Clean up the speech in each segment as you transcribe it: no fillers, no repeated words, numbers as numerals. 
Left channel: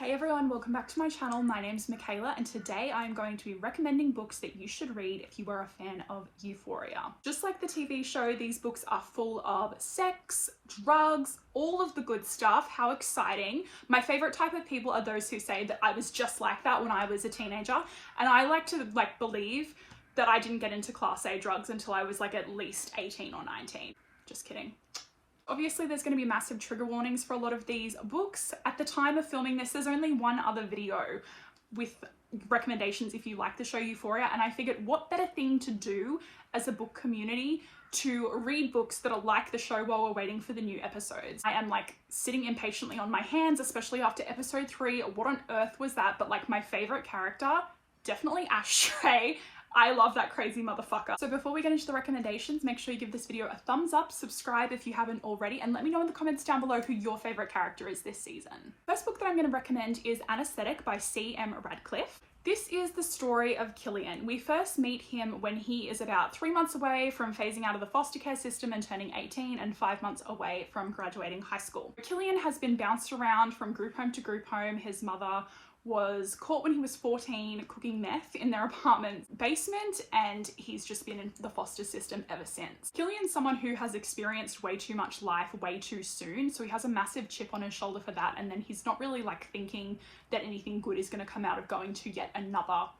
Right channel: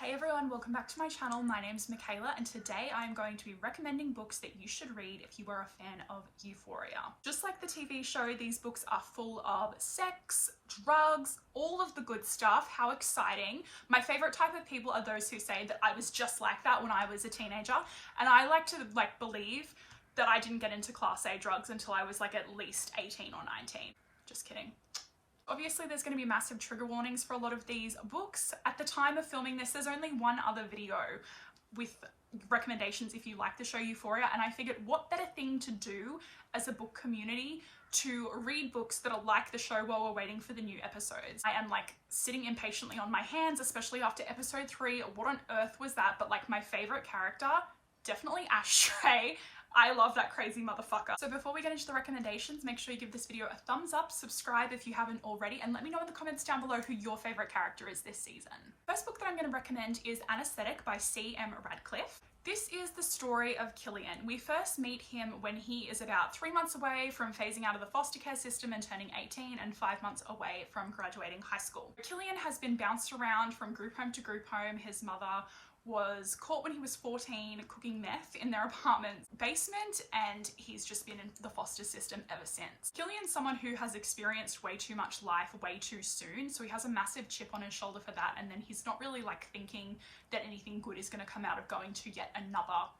Hey everyone, welcome back to my channel. My name's Michaela and today I'm going to be recommending books that you should read if you are a fan of Euphoria. Just like the TV show, these books are full of sex, drugs, all of the good stuff. How exciting. My favorite type of people are those who say that I was just like that when I was a teenager, and I like to believe that I didn't get into Class A drugs until I was at least 18 or 19. Just kidding. Obviously, there's going to be massive trigger warnings for a lot of these books. At the time of filming this, there's only one other video with recommendations if you like the show Euphoria, and I figured what better thing to do as a book community to read books that are like the show while we're waiting for the new episodes. I am sitting impatiently on my hands, especially after episode 3. What on earth was that? But my favorite character, definitely Ashtray. I love that crazy motherfucker. So before we get into the recommendations, make sure you give this video a thumbs up, subscribe if you haven't already, and let me know in the comments down below who your favorite character is this season. First book that I'm going to recommend is Anaesthetic by C.M. Radcliffe. This is the story of Killian. We first meet him when he is about 3 months away from phasing out of the foster care system and turning 18, and 5 months away from graduating high school. Killian has been bounced around from group home to group home. His mother was caught when he was 14 cooking meth in their apartment basement, and he's just been in the foster system ever since. Killian's someone who has experienced way too much life way too soon, so he has a massive chip on his shoulder for that, and then he's not really thinking that anything good is going to come out of going to yet another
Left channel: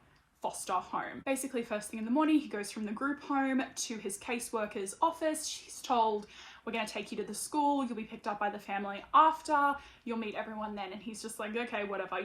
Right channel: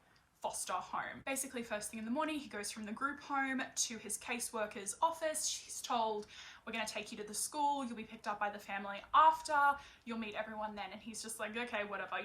foster home. Basically, first thing in the morning, he goes from the group home to his caseworker's office. She's told, we're going to take you to the school, you'll be picked up by the family after, you'll meet everyone then, and he's just okay, whatever,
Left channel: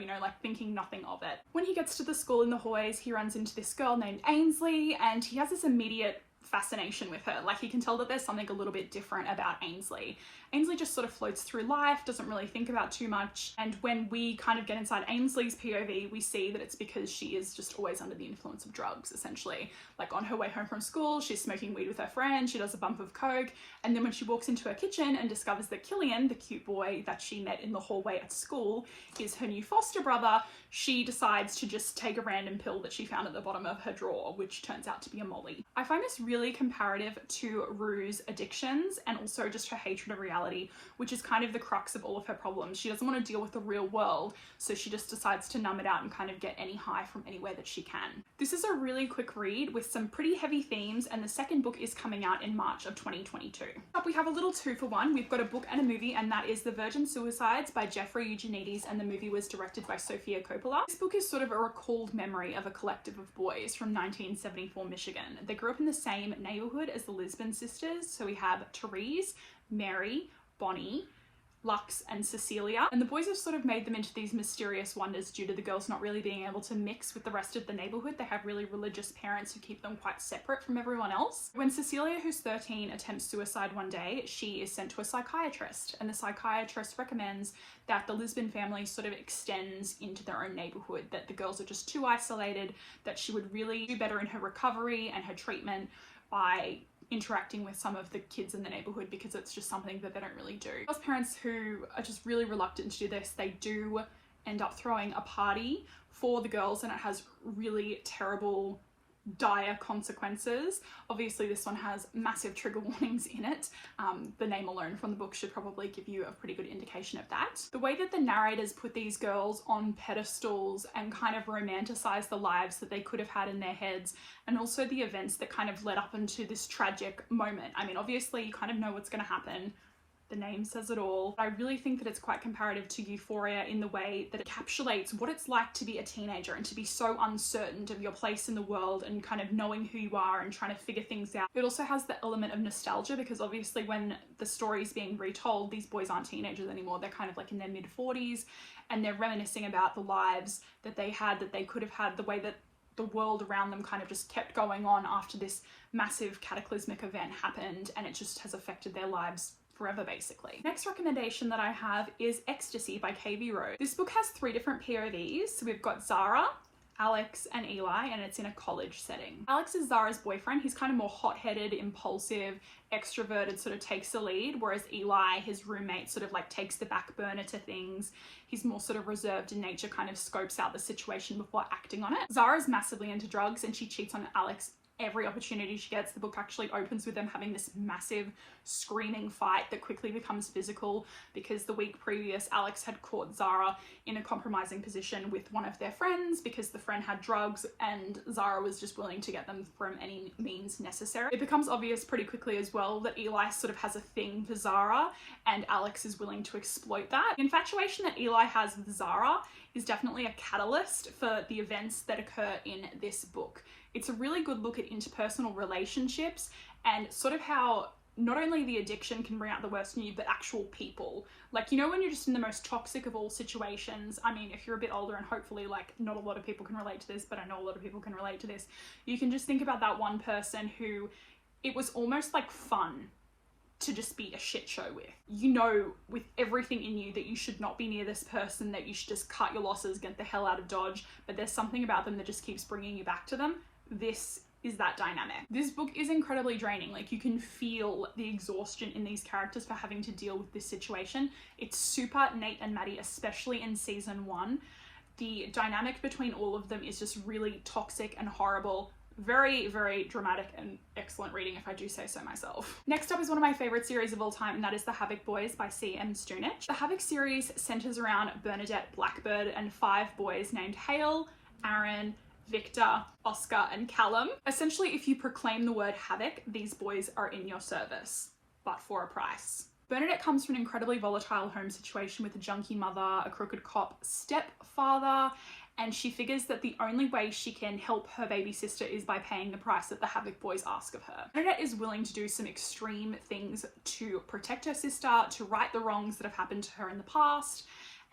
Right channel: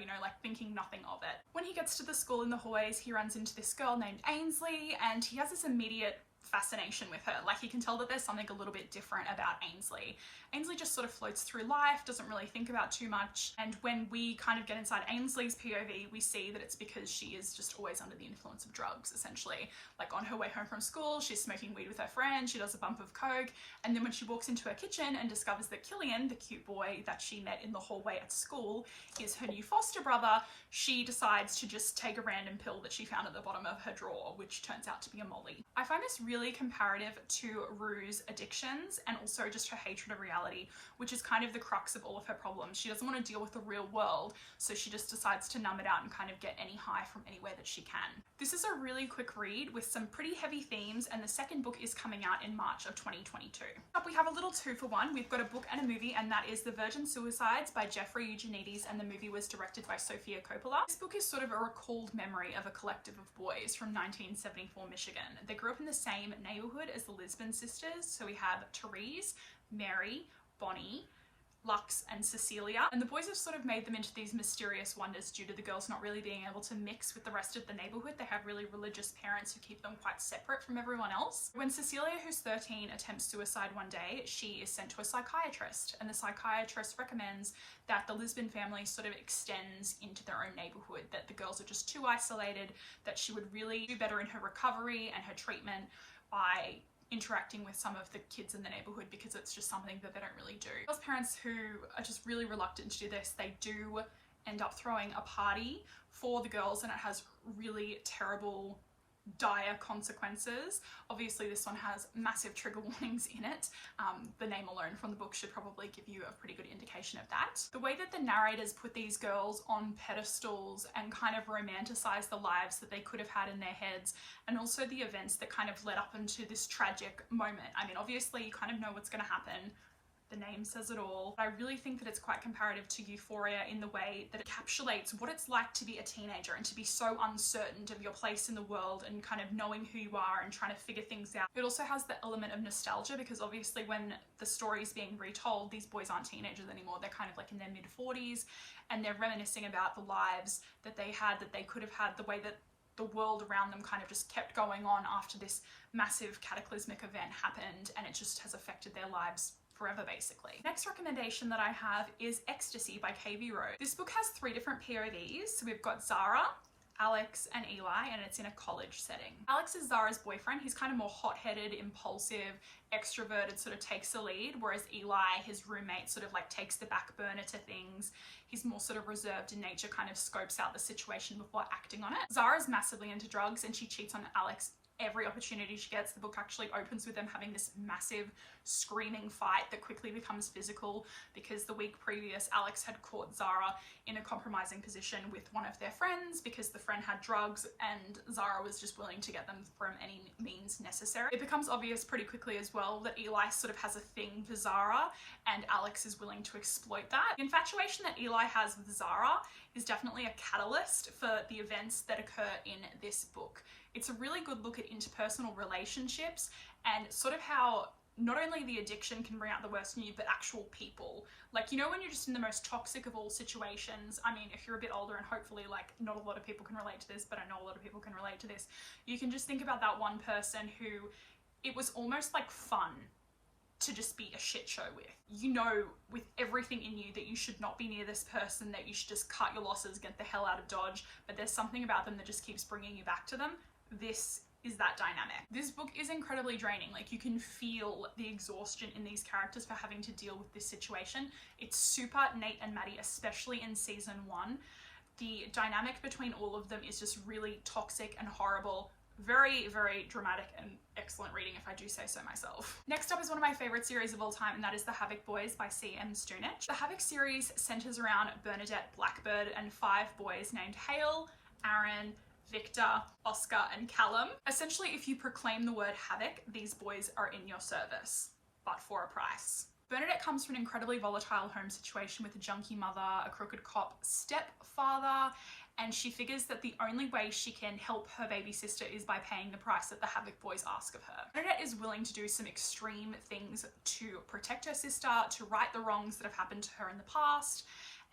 thinking nothing of it. When he gets to the school in the hallways, he runs into this girl named Ainsley, and he has this immediate fascination with her. He can tell that there's something a little bit different about Ainsley. Ainsley just sort of floats through life, doesn't really think about too much, and when we kind of get inside Ainsley's POV, we see that it's because she is just always under the influence of drugs, essentially. On her way home from school, she's smoking weed with her friend, she does a bump of coke, and then when she walks into her kitchen and discovers that Killian, the cute boy that she met in the hallway at school, is her new foster brother, she decides to just take a random pill that she found at the bottom of her drawer, which turns out to be a molly. I find this really comparative to Rue's addictions and also just her hatred of reality, which is kind of the crux of all of her problems. She doesn't want to deal with the real world, so she just decides to numb it out and kind of get any high from anywhere that she can. This is a really quick read with some pretty heavy themes, and the second book is coming out in March of 2022. Up we have a little 2-for-1. We've got a book and a movie, and that is The Virgin Suicides by Jeffrey Eugenides, and the movie was directed by Sofia Coppola. This book is sort of a recalled memory of a collective of boys from 1974 Michigan. They grew up in the same neighborhood as the Lisbon sisters, so we have Therese, Mary, Bonnie, Lux, and Cecilia, and the boys have sort of made them into these mysterious wonders due to the girls not really being able to mix with the rest of the neighborhood. They have really religious parents who keep them quite separate from everyone else. When Cecilia, who's 13, attempts suicide one day, she is sent to a psychiatrist, and the psychiatrist recommends that the Lisbon family sort of extends into their own neighborhood, that the girls are just too isolated, that she would really do better in her recovery and her treatment by interacting with some of the kids in the neighborhood, because it's just something that they don't really do. Girls' parents who are just really reluctant to do this, they do end up throwing a party for the girls, and it has really terrible, dire consequences. Obviously this one has massive trigger warnings in it. The name alone from the book should probably give you a pretty good indication of that. The way that the narrators put these girls on pedestals and kind of romanticize the lives that they could have had in their heads, and also the events that kind of led up into this tragic moment. I mean, obviously you kind of know what's going to happen. The name says it all. I really think that it's quite comparative to Euphoria in the way that it encapsulates what it's like to be a teenager and to be so uncertain of your place in the world and kind of knowing who you are and trying to figure things out. It also has the element of nostalgia, because obviously when the story is being retold, these boys aren't teenagers anymore. They're kind of in their mid-40s, and they're reminiscing about the lives that they had, that they could have had, the way that the world around them kind of just kept going on after this massive cataclysmic event happened, and it just has affected their lives forever, basically. Next recommendation that I have is Ecstasy by KV Rose. This book has 3 different POVs. So we've got Zara, Alex, and Eli, and it's in a college setting. Alex is Zara's boyfriend. He's kind of more hot-headed, impulsive, extroverted, sort of takes the lead, whereas Eli, his roommate, sort of takes the back burner to things. He's more sort of reserved in nature, kind of scopes out the situation before acting on it. Zara's massively into drugs, and she cheats on Alex every opportunity she gets. The book actually opens with them having this massive screaming fight that quickly becomes physical because the week previous Alex had caught Zara in a compromising position with one of their friends because the friend had drugs and Zara was just willing to get them from any means necessary. It becomes obvious pretty quickly as well that Eli sort of has a thing for Zara and Alex is willing to exploit that. The infatuation that Eli has with Zara is definitely a catalyst for the events that occur in this book. It's a really good look at interpersonal relationships and sort of how not only the addiction can bring out the worst in you, but actual people. Like, you know, when you're just in the most toxic of all situations, I mean, if you're a bit older and hopefully like not a lot of people can relate to this, but I know a lot of people can relate to this, you can just think about that one person who it was almost like fun to just be a shit show with. You know, with everything in you that you should not be near this person, that you should just cut your losses, get the hell out of Dodge, but there's something about them that just keeps bringing you back to them. This is that dynamic. This book is incredibly draining. Like, you can feel the exhaustion in these characters for having to deal with this situation. It's super Nate and Maddie, especially in season 1. The dynamic between all of them is just really toxic and horrible. Very, very dramatic and excellent reading, if I do say so myself. Next up is one of my favorite series of all time, and that is the Havoc Boys by C.M. Stunich. The Havoc series centers around Bernadette Blackbird and 5 boys named Hale, Aaron, Victor, Oscar, and Callum. Essentially, if you proclaim the word Havoc, these boys are in your service, but for a price. Bernadette comes from an incredibly volatile home situation with a junkie mother, a crooked cop stepfather, and she figures that the only way she can help her baby sister is by paying the price that the Havoc Boys ask of her. Bernadette is willing to do some extreme things to protect her sister, to right the wrongs that have happened to her in the past,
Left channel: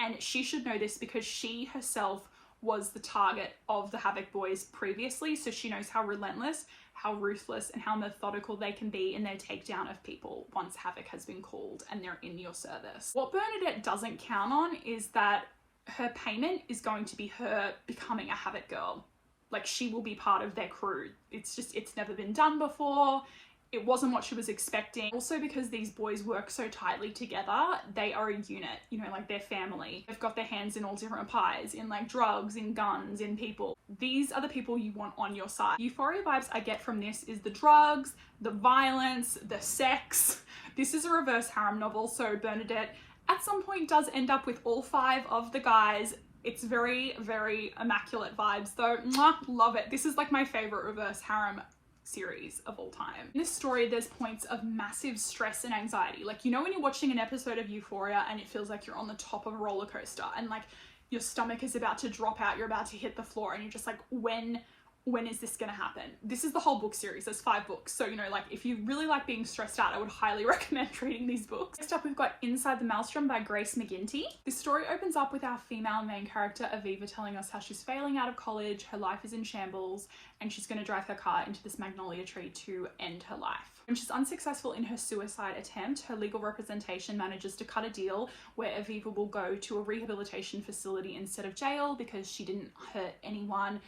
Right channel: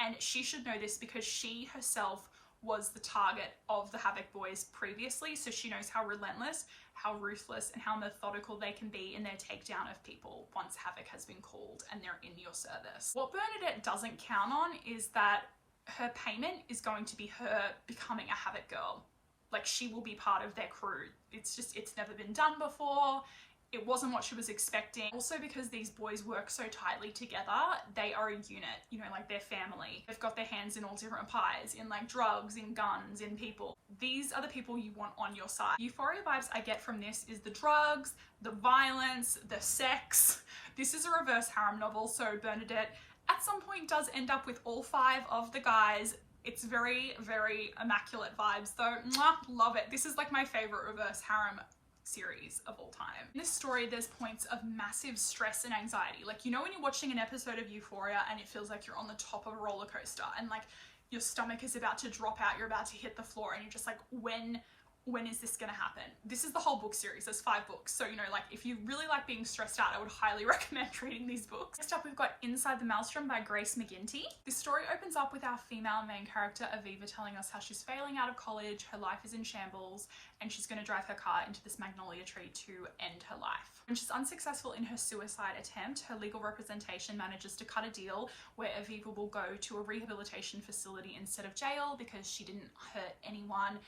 and she should know this because she herself was the target of the Havoc Boys previously, so she knows how relentless, how ruthless, and how methodical they can be in their takedown of people once Havoc has been called and they're in your service. What Bernadette doesn't count on is that her payment is going to be her becoming a Havoc girl. Like, she will be part of their crew. It's never been done before. It wasn't what she was expecting. Also, because these boys work so tightly together, they are a unit, you know, like they're family. They've got their hands in all different pies, in like drugs, in guns, in people. These are the people you want on your side. Euphoria vibes I get from this is the drugs, the violence, the sex. This is a reverse harem novel, so Bernadette at some point does end up with all 5 of the guys. It's very, very immaculate vibes though. Mwah, love it. This is like my favorite reverse harem series of all time. In this story, there's points of massive stress and anxiety. Like, you know when you're watching an episode of Euphoria and it feels like you're on the top of a roller coaster and like your stomach is about to drop out, you're about to hit the floor, and you're just like, when is this gonna happen? This is the whole book series. There's 5 books. So, you know, like if you really like being stressed out, I would highly recommend reading these books. Next up, we've got Inside the Melstrom by Grace McGinty. This story opens up with our female main character, Aviva, telling us how she's failing out of college, her life is in shambles, and she's gonna drive her car into this magnolia tree to end her life. When she's unsuccessful in her suicide attempt, her legal representation manages to cut a deal where Aviva will go to a rehabilitation facility instead of jail because she didn't hurt anyone.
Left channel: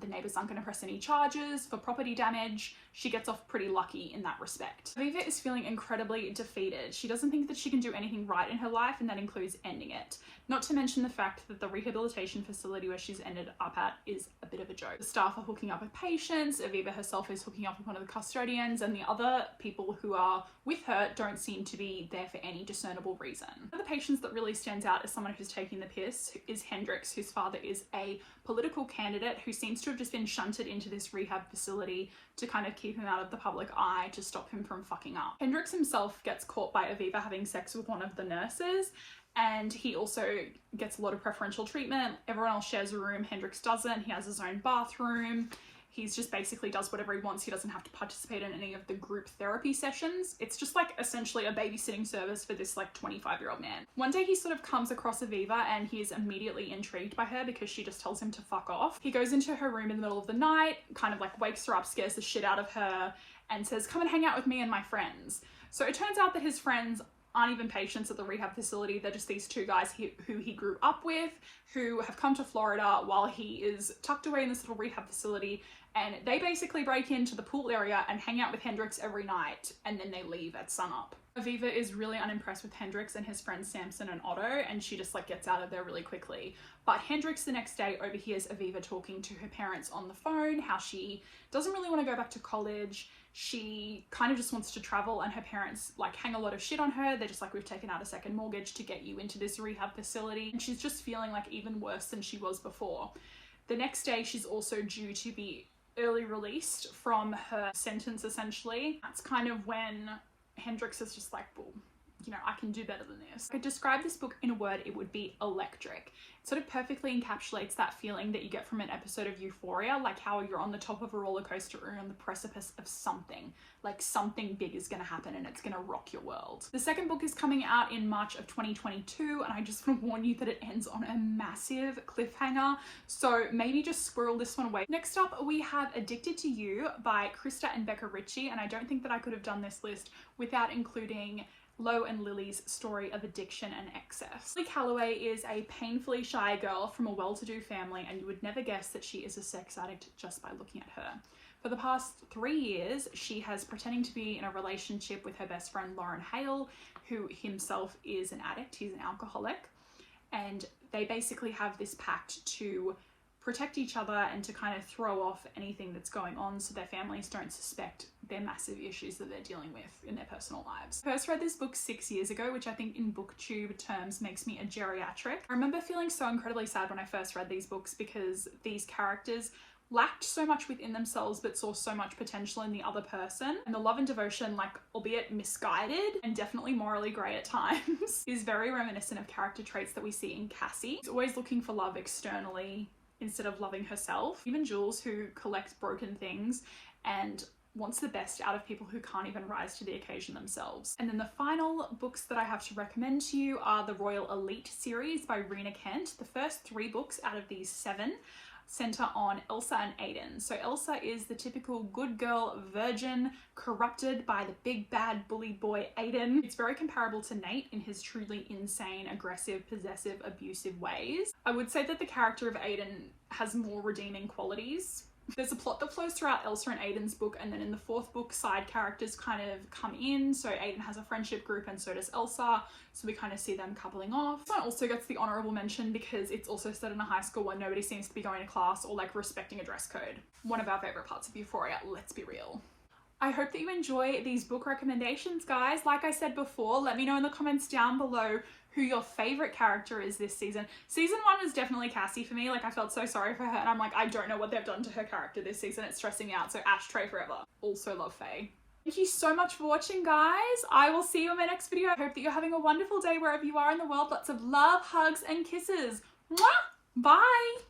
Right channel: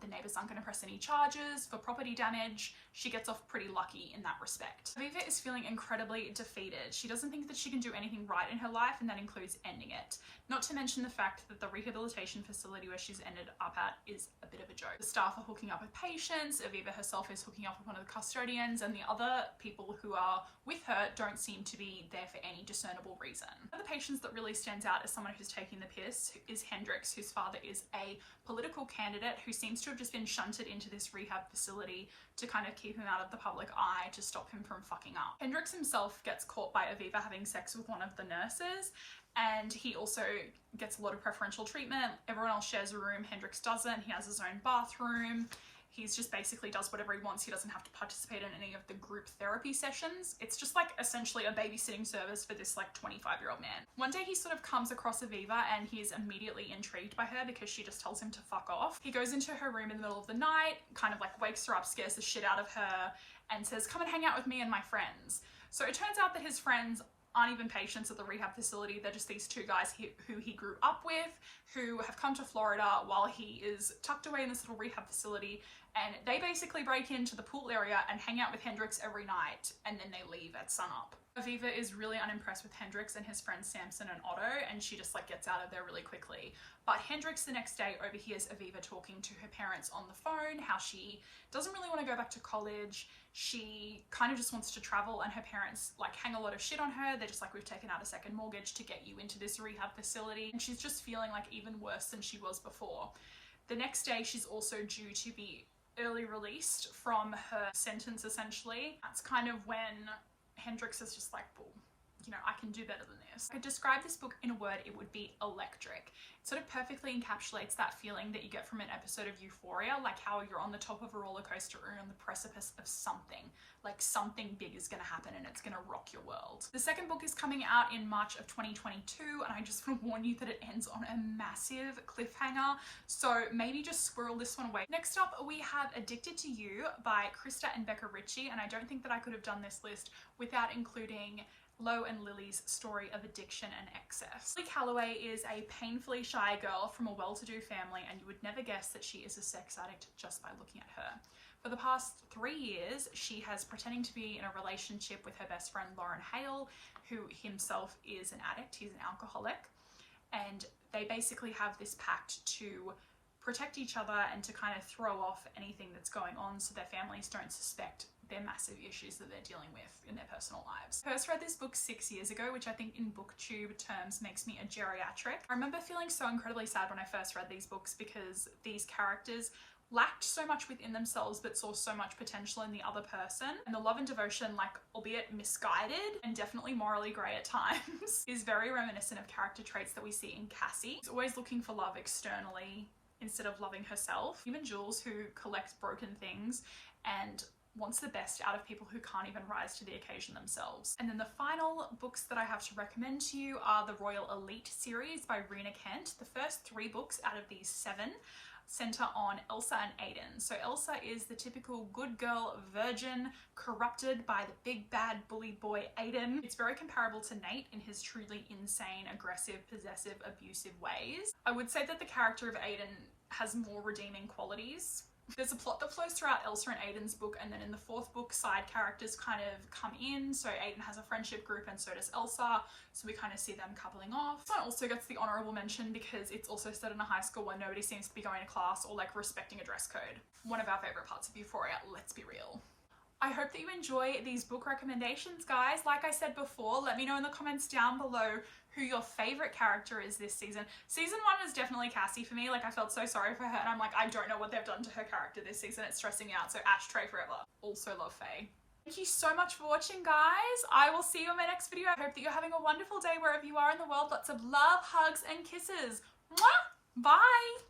The neighbors aren't going to press any charges for property damage. She gets off pretty lucky in that respect. Aviva is feeling incredibly defeated. She doesn't think that she can do anything right in her life, and that includes ending it. Not to mention the fact that the rehabilitation facility where she's ended up at is a bit of a joke. The staff are hooking up with patients, Aviva herself is hooking up with one of the custodians, and the other people who are with her don't seem to be there for any discernible reason. One of the patients that really stands out as someone who's taking the piss is Hendrix, whose father is a political candidate who seems to have just been shunted into this rehab facility to kind of keep him out of the public eye, to stop him from fucking up. Hendrix himself gets caught by Aviva having sex with one of the nurses, and he also gets a lot of preferential treatment. Everyone else shares a room, Hendrix doesn't. He has his own bathroom. He's just basically does whatever he wants. He doesn't have to participate in any of the group therapy sessions. It's just like essentially a babysitting service for this like 25-year-old man. One day he sort of comes across Aviva and he is immediately intrigued by her because she just tells him to fuck off. He goes into her room in the middle of the night, kind of like wakes her up, scares the shit out of her, and says, "Come and hang out with me and my friends." So it turns out that his friends aren't even patients at the rehab facility. They're just these two guys who he grew up with, who have come to Florida while he is tucked away in this little rehab facility, and they basically break into the pool area and hang out with Hendrix every night, and then they leave at sunup. Aviva is really unimpressed with Hendrix and his friends Samson and Otto, and she just like gets out of there really quickly. But Hendrix the next day overhears Aviva talking to her parents on the phone, how she doesn't really want to go back to college. She kind of just wants to travel, and her parents like hang a lot of shit on her. They're just like, we've taken out a second mortgage to get you into this rehab facility. And she's just feeling like even worse than she was before. The next day, she's also due to be early released from her sentence, essentially. That's kind of when Hendrix is just like, well, you know, I can do better than this. If I could describe this book in a word, it would be electric. It sort of perfectly encapsulates that feeling that you get from an episode of Euphoria, like how you're on the top of a roller coaster or on the precipice of something, like something big is going to happen and it's going to rock your world. The second book is coming out in March of 2022, and I just want to warn you that it ends on a massive cliffhanger, so maybe just squirrel this one away. Next up, we have Addicted to You by Krista and Becca Ritchie, and I don't think that I could have done this list without including Lo and Lily's story of addiction and excess. Lily Calloway is a painfully shy girl from a well-to-do family, and you would never guess that she is a sex addict just by looking at her. For the past 3 years, she has pretending to be in a relationship with her best friend Lauren Hale, who himself is an addict. He's an alcoholic, and they basically have this pact to protect each other and to kind of throw off anything that's going on so their families don't suspect their massive issues that they're dealing with in their personal lives. I first read this book 6 years ago, which I think in booktube terms makes me a geriatric. I remember feeling so incredibly sad when I first read these books because these characters lacked so much within themselves but saw so much potential in the other person, and the love and devotion, like albeit misguided and definitely morally grey at times, is very reminiscent of character traits that we see in Cassie. She's always looking for love externally instead of loving herself. Even Jules, who collects broken things and wants the best out of people who can't even rise to the occasion themselves. And then the final books that I have to recommend to you are the Royal Elite series by Rina Kent. The first 3 books out of these 7 center on Elsa and Aiden. So Elsa is the typical good girl virgin corrupted by the big bad bully boy Aiden. It's very comparable to Nate in his truly insane, aggressive, possessive, abusive ways. I would say that the character of Aiden has more redeeming qualities. There's a plot that flows throughout Elsa and Aiden's book, and then in the 4th book, side characters kind of come in. So Aiden has a friendship group and so does Elsa. So we kind of see them coupling off. This one also gets the honorable mention because it's also set in a high school where nobody seems to be going to class or like respecting a dress code. One of our favorite parts of Euphoria, let's be real. I hope that you enjoy these book recommendations, guys. Like I said before, let me know in the comments down below who your favorite character is this season. Season 1 was definitely Cassie for me. Like, I felt so sorry for her, and I'm like, I don't know what they've done to her character this season. It's stressing me out. So ashtray forever. Also love Faye. Thank you so much for watching, guys. I will see you in my next video. I hope that you're having a wonderful day wherever you are in the world. Lots of love, hugs, and kisses. Mwah! Bye!